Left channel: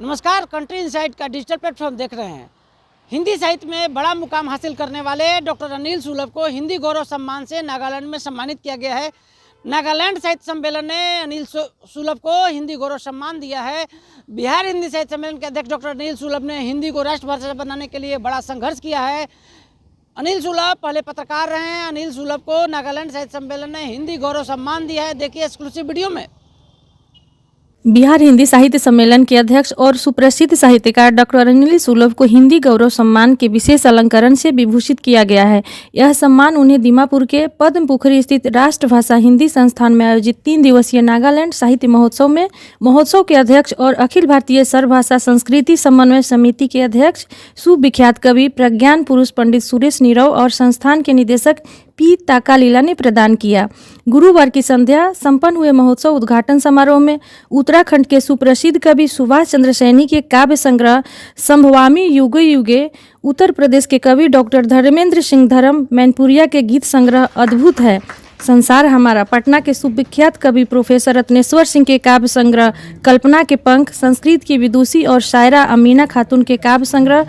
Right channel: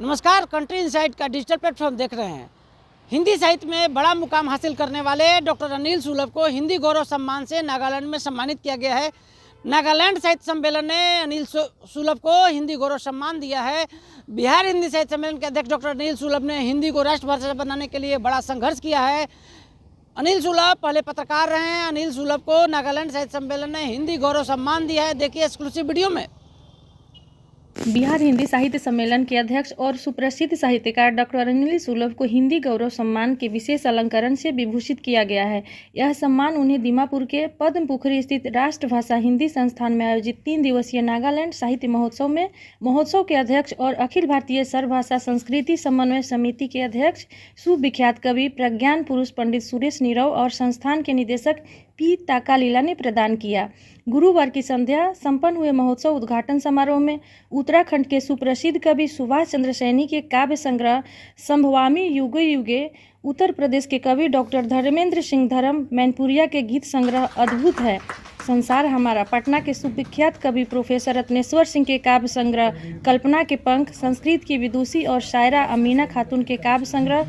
नमस्कार, country insight का digital platform देख रहे हैं। हिंदी साहित्य में बड़ा मुकाम हासिल करने वाले डॉक्टर अनिल सुलभ को हिंदी गौरव सम्मान से नागालैंड में सम्मानित किया गया है। नागालैंड साहित्य सम्मेलन ने अनिल सुलभ को हिंदी गौरव सम्मान दिया है। बिहार हिंदी साहित्य सम्मेलन के अध्यक्ष डॉक्टर अनिल सुलभ ने हिंदी को राष्ट्रभाषा बनाने के लिए बड़ा संघर्ष किया है। अनिल सुलभ पहले पत्रकार रहे हैं। अनिल सुलभ को नागालैंड साहित्य सम्मेलन ने हिंदी गौरव सम्मान दिया है। देखिए एक्सक्लूसिव वीडियो में। बिहार हिंदी साहित्य सम्मेलन के अध्यक्ष और सुप्रसिद्ध साहित्यकार डॉक्टर अनिल सुलभ को हिंदी गौरव सम्मान के विशेष अलंकरण से विभूषित किया गया है। यह सम्मान उन्हें दीमापुर के पद्मपुखरी स्थित राष्ट्रभाषा हिंदी संस्थान में आयोजित 3 दिवसीय नागालैंड साहित्य महोत्सव के अध्यक्ष और अखिल भारतीय सर्वभाषा संस्कृति समन्वय समिति के अध्यक्ष सुविख्यात कवि प्रज्ञान पुरुष पंडित सुरेश नीरव और संस्थान के निदेशक पी ताकालीला ने प्रदान किया। गुरुवार की संध्या संपन्न हुए महोत्सव उद्घाटन समारोह में उत्तराखंड के सुप्रसिद्ध कवि सुभाष चंद्र सैनी के काव्य संग्रह संभवामी युगे युगे, उत्तर प्रदेश के कवि डॉक्टर धर्मेंद्र सिंह धर्म मैनपुरिया के गीत संग्रह अद्भुत है, संसार हमारा, पटना के सुविख्यात कवि प्रोफेसर रत्नेश्वर सिंह के काव्य संग्रह कल्पना के पंख, संस्कृत की विदुषी और शायरा अमीना खातून के काव्य संग्रह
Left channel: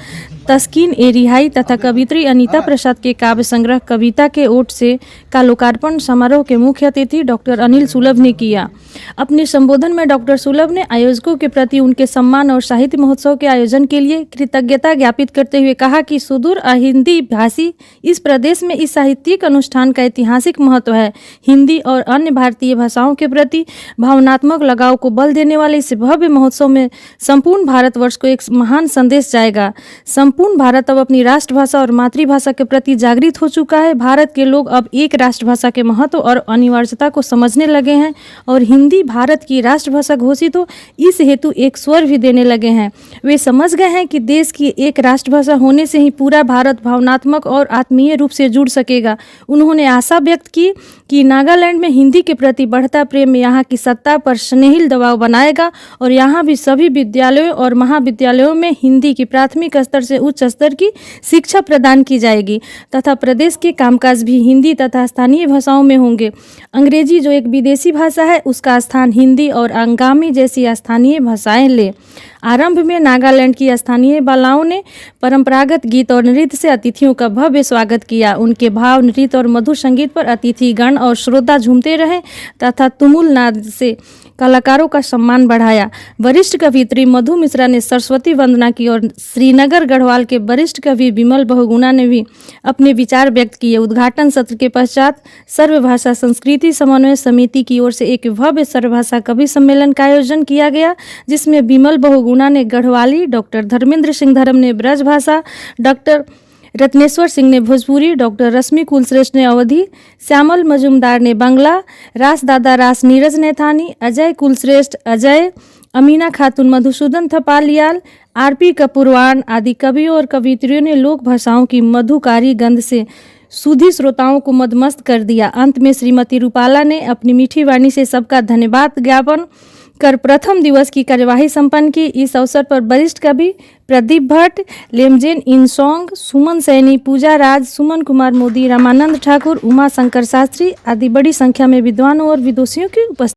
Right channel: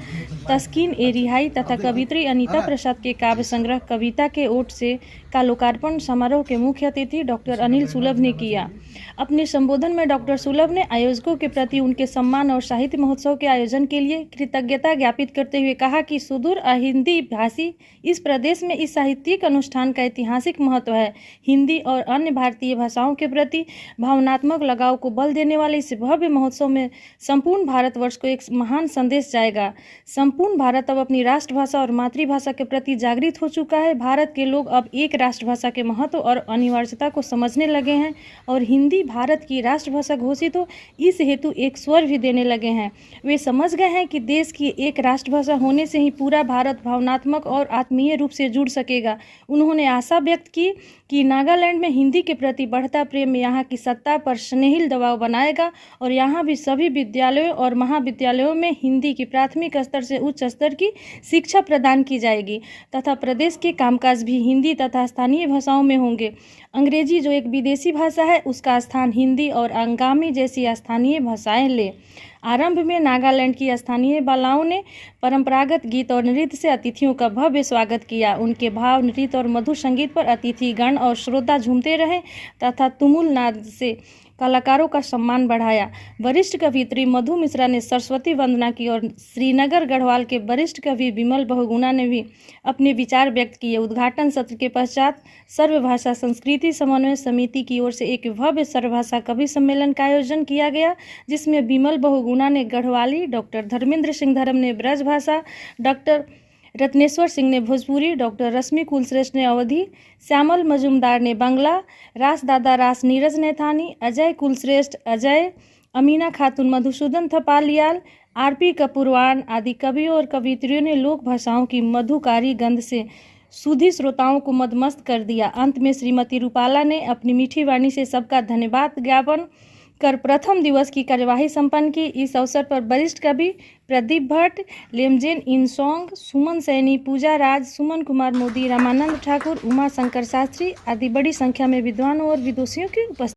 तस्कीन ए रिहाई तथा कवित्री अनीता प्रसाद के काव्य संग्रह कविता के ओट से का लोकार्पण समारोह के मुख्य अतिथि डॉक्टर अनिल सुलभ ने किया। अपने संबोधन में डॉक्टर सुलभ ने आयोजकों के प्रति उनके सम्मान और साहित्य महोत्सव के आयोजन के लिए कृतज्ञता ज्ञापित करते हुए कहा कि सुदूर हिंदी भाषी इस प्रदेश में इस साहित्यिक अनुष्ठान का ऐतिहासिक महत्व है। हिंदी और अन्य भारतीय भाषाओं के प्रति भावनात्मक लगाव को बल देने वाले इस भव्य महोत्सव में संपूर्ण भारतवर्ष को एक महान संदेश जाएगा। संपूर्ण भारत अब अपनी राष्ट्रभाषा और मातृभाषा के प्रति जागृत हो चुका है। भारत के लोग अब एक राष्ट्रभाषा के महत्व और अनिवार्यता को समझने लगे हैं और हिंदी भारत की राष्ट्रभाषा घोषित हो इस हेतु एक स्वर भी देने लगे हैं। वे समझ गए हैं कि देश की एक राष्ट्रभाषा होने से ही पूरा भारत भावनात्मक और आत्मीय रूप से जुड़ सकेगा। उन्होंने आशा व्यक्त की कि नागालैंड में हिंदी के प्रति बढ़ता प्रेम यहाँ की सत्ता पर स्नेहिल दबाव बनाएगा और यहाँ भी सभी विद्यालयों और महाविद्यालयों में हिंदी की प्राथमिक स्तर से उच्च स्तर की शिक्षा प्रदान की जाएगी तथा प्रदेश के कामकाज भी हिंदी तथा स्थानीय भाषाओं में होंगे। अंग्रेजी जो एक विदेशी भाषा है उसका स्थान हिंदी और अंगामी जैसी स्थानीय भाषाएं ले। आरंभ में नागालैंड की स्थानीय बालाओं ने परंपरागत गीत और नृत्य से अतिथियों का भव्य स्वागत किया। उनके भाव नृत्य और मधुर संगीत पर अतिथिगण और श्रोता झूमते रहे तथा तुमुल नाद से कलाकारों का सम्मान बढ़ाया। वरिष्ठ कवियत्री मधु मिश्रा ने सरस्वती वंदना की और श्रीनगर गढ़वाल के वरिष्ठ कवि विमल बहुगुणा ने भी अपने विचार व्यक्त किए। उद्घाटन सत्र के पश्चात सर्वभाषा संस्कृति समन्वय समिति की ओर से एक भव्य सर्वभाषा कवि सम्मेलन का आयोजन किया गया, जिसमें विमल बहुगुणा ने गढ़वाली, डॉक्टर धर्मेंद्र सिंह धर्म ने ब्रजभाषा, डॉक्टर रत्नेश्वर सिंह ने भोजपुरी, डॉक्टर रश्मि कुलश्रेष्ठ ने अवधी, श्यामल मजुमदार ने बांग्ला, रास दादा रास नीरज नैथानी, अजय कुलश्रेष्ठ अजय, अमीना खातून मधुसूदन थपालियाल, आरपी कपूरवान आदि कवियों और कवियत्रियों ने लोक भाषाओं की मधुकारी गंध से सुधी श्रोताओं को मदमस्त कर दिया। अंत में श्रीमती रूपाला ने अपनी मीठी वाणी से सबका धन्यवाद ज्ञापन कर प्रथम दिवस की कार्यवाही संपन्न की। इस अवसर पर वरिष्ठ कवि प्रदीप भट्ट, लेमजेन इंसोंग, सुमन सैनी, पूजा राज, सुमन कुमार मोदी, रामानंद ठाकुर, उमा शंकर शास्त्री आदि बड़ी संख्या में विद्वानों और विदुषियों की उपस्थिति।